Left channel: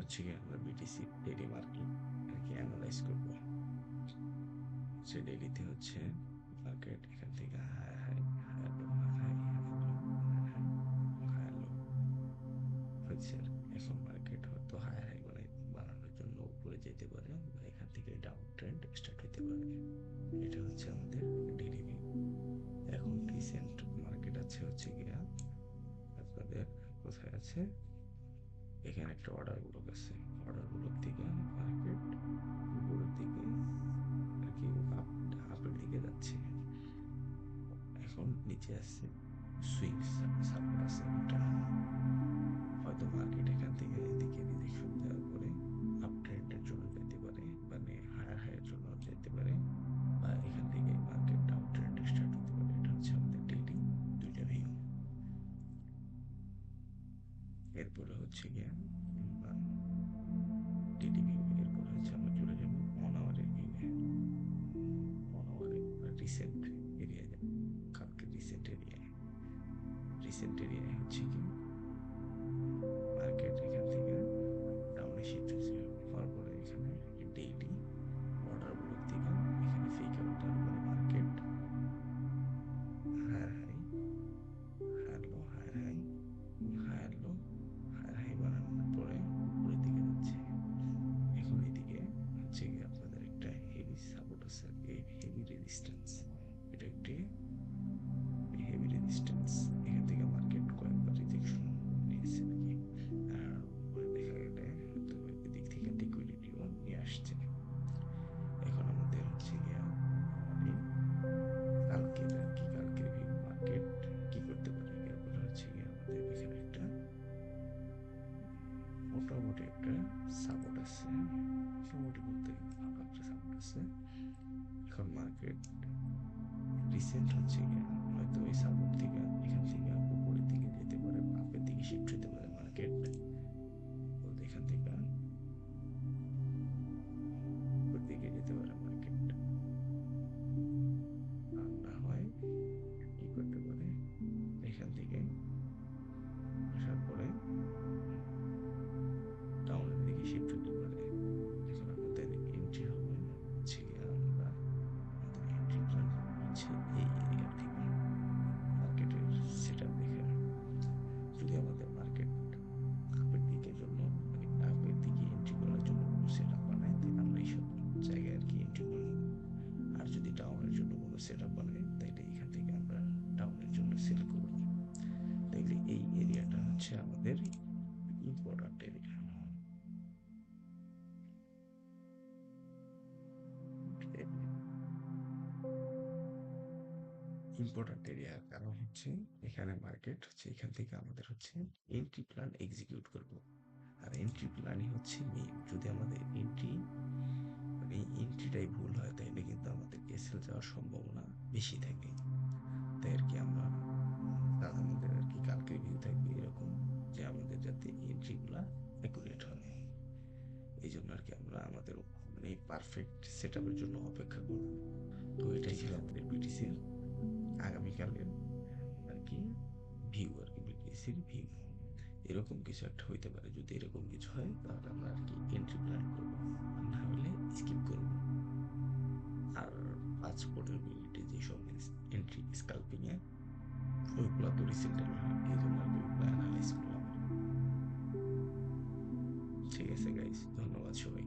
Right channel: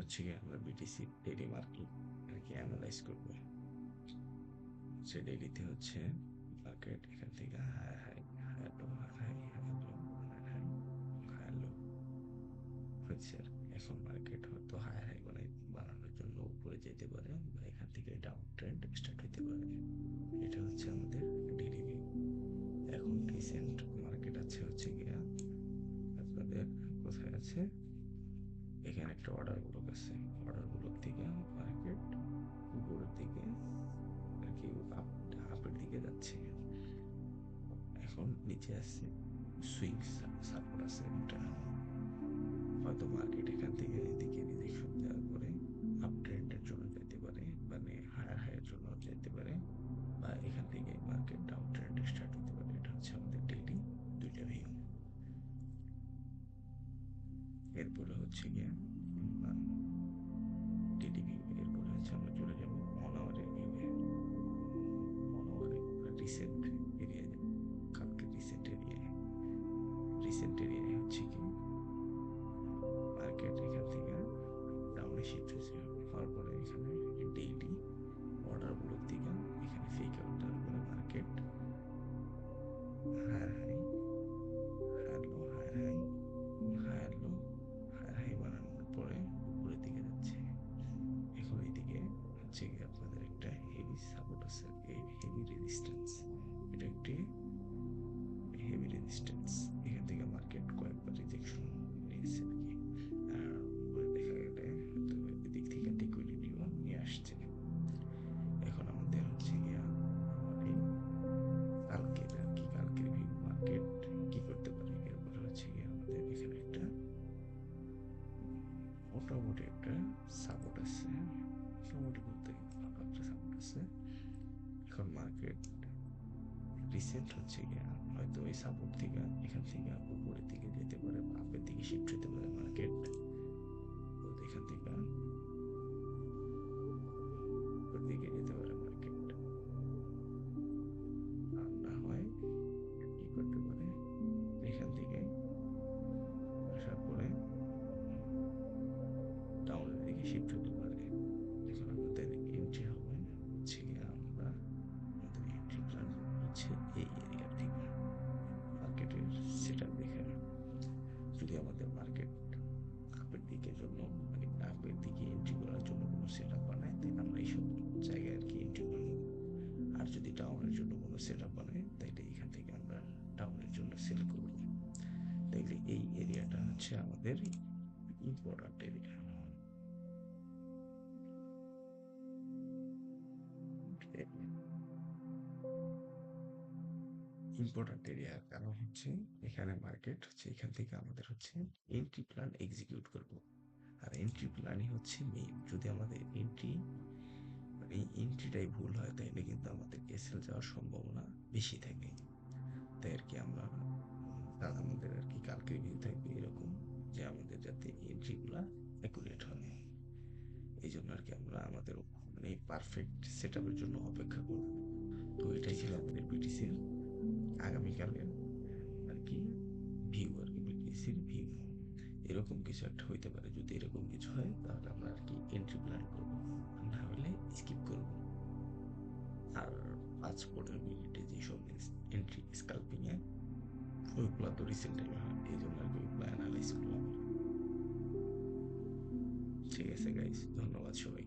হচ্ছে গিয়ে আমরা বিটিসি ডেইলি মার্কেট আর কি অ্যানালাইজ করব। সে ডেইলিতে হচ্ছে মার্কেট এখান থেকে high high high low high high high low high high high low হচ্ছে। এখন মার্কেট হয়তো হাই হাই বানানোর জন্য উপরে যেতে পারে বা এখান থেকে ডাউন ট্রেন্ড স্টার্ট হতে পারে। এটা হচ্ছে আমাদের ডেইলি ভিউ। এখন রিসেন্ট মার্কেট আছে হচ্ছে গিয়া আপনাদের কোথায় আছে, এখানে একটা অর্ডার ব্লক আছে। অর্ডার ব্লক থেকে মার্কেট উপরের দিকে আর কি আপের দিকে যাচ্ছে। এখন নিচে আসছে সুইং সাপোর্ট আছে একটা, হয়তো মার্কেট এখান থেকে এদিকে রিজেকশন দেওয়ার পরে আপ ট্রেন্ডের জন্য যেতে পারে, মানে হায়ার হায়ার জন্য যেতে পারে, বা এখান থেকে মার্কেট ডাউন ট্রেন্ড স্টার্ট হতে পারে। এটা হচ্ছে আমাদের ডেইলি দুইটা ভিউ। এরপরে হচ্ছে গিয়ে ডেইলি ভিউ, এরপরে হচ্ছে আমরা চলে যাবো অন আওয়ারের ভিউয়ে। অন আওয়ারে রিসেন্ট এরিয়া যাবো, কালকে রিসেন্ট এরিয়ায়। রিসেন্ট এরিয়ায় হচ্ছে কি মার্কেট এখান থেকে ডাউনে শিফট হয়েছে, হওয়ার পরে এখানে ডেইলি অর্ডার ব্লক থেকে এখানে ফেক আউট দেওয়ার পরে market higher high higher low higher high higher low higher high বানানোর পরে উপরের দিকে যাচ্ছে। এখন এইদিকে হচ্ছে কি আপনাদের একটা হেভি সাপোর্ট আছে, এই হেভি রেজিস্ট্যান্স। এটা একটি হেভি রেজিস্ট্যান্স, এখান থেকে মার্কেট কয়েকবার রিজেকশন নিয়েছে আর কি। আর উপরে দেখা গেলে হয়তো এদিক থেকে লিকুইডিটিও নিয়ে আসছে। এখন আমাদের হচ্ছে গিয়া আমাদের কালকের আর কি, কালকের ভিউ মার্কেট কি করতে পারে। এরপরে হচ্ছে গিয়ে আমাদের এখানে একটা মোটামুটি একটা সাপোর্ট আছে, মোটামুটি বলতে ভালো একটা সাপোর্ট আছে। এখন মার্কেট রিসেন্ট হচ্ছে গিয়া হয়তো ওই সাপোর্ট থেকে এখান থেকে উপরের দিকে যেতে পারে বা আপের দিকে শিফট হতে পারে মার্কেট। তো এখান থেকে উপরের দিকে যেতে পারে মার্কেট, আর না হয় কি করতে পারে এখান থেকে আসার পরে ডাউনের দিকে শিফট হতে পারে। এখন আমাদের এন্ট্রি হবে হচ্ছে গিয়ে আমরা আমাদের এন্ট্রি প্ল্যান হচ্ছে এই এরিয়া থেকে মার্কেটের সেটআপ দেখে। যদি আমাদের মার্কেট আপের দিকের জন্য মানে আপের দিকে এন্ট্রি করার জন্য কোনো সেটআপ বানায় তাহলে আমরা এইসব জায়গায় আর কি এন্ট্রি করবো। আর যদি ডাউনের জন্য কোনো সেটআপ বানায় তাহলে এখান থেকে আমরা ডাউনের জন্য সেল করবো। তাইলে এই এরিয়াটা হচ্ছে আমাদের ইম্পর্টেন্ট এরিয়া। ইম্পর্টেন্ট এরিয়ার কারণ হচ্ছে এখানে মার্কেট হচ্ছে এখান থেকে আমাদের হচ্ছে এন্ট্রি প্ল্যান এক্সিকিউট করব। আর এন্ট্রি প্ল্যানই হচ্ছে মেইন। যদি আমাদের এন্ট্রি মানে এন্ট্রিটাই ভুল হয় তাহলে কিন্তু আমাদের এসএল যাওয়ার সম্ভাবনা বেশি থাকে। তাই আর কি আমরা আমাদের আর কি কালকে ভিউ থাকবে এরকম যে আমাদের যাতে এন্ট্রিগুলা অ্যাকুরেট হয়। এই জন্য আর কি আমরা আমাদের মানে পারফেক্ট সেট আপের জন্য অপেক্ষা করব। তো এটাই ছিল আমাদের বিটিসির আগামীকালের আর কি ভিউ, আর কি বিটিসির ভিউ। এরকম কিছু একটা হইতে পারে, যদি এরকম কিছু হয় তাহলে আমরা আর কি এন্ট্রি প্ল্যান করবো, না হলে স্কিপ করব। আর 5 প্রবাবিলিটি যেসব এন্ট্রি স্কাল্পিং এ ওইগুলো তো রিসেন্ট হয়, এই জন্য আর কি ওইগুলো অ্যানালাইজ করলাম। ঠিক আছে গাইস, ধন্যবাদ সবাই।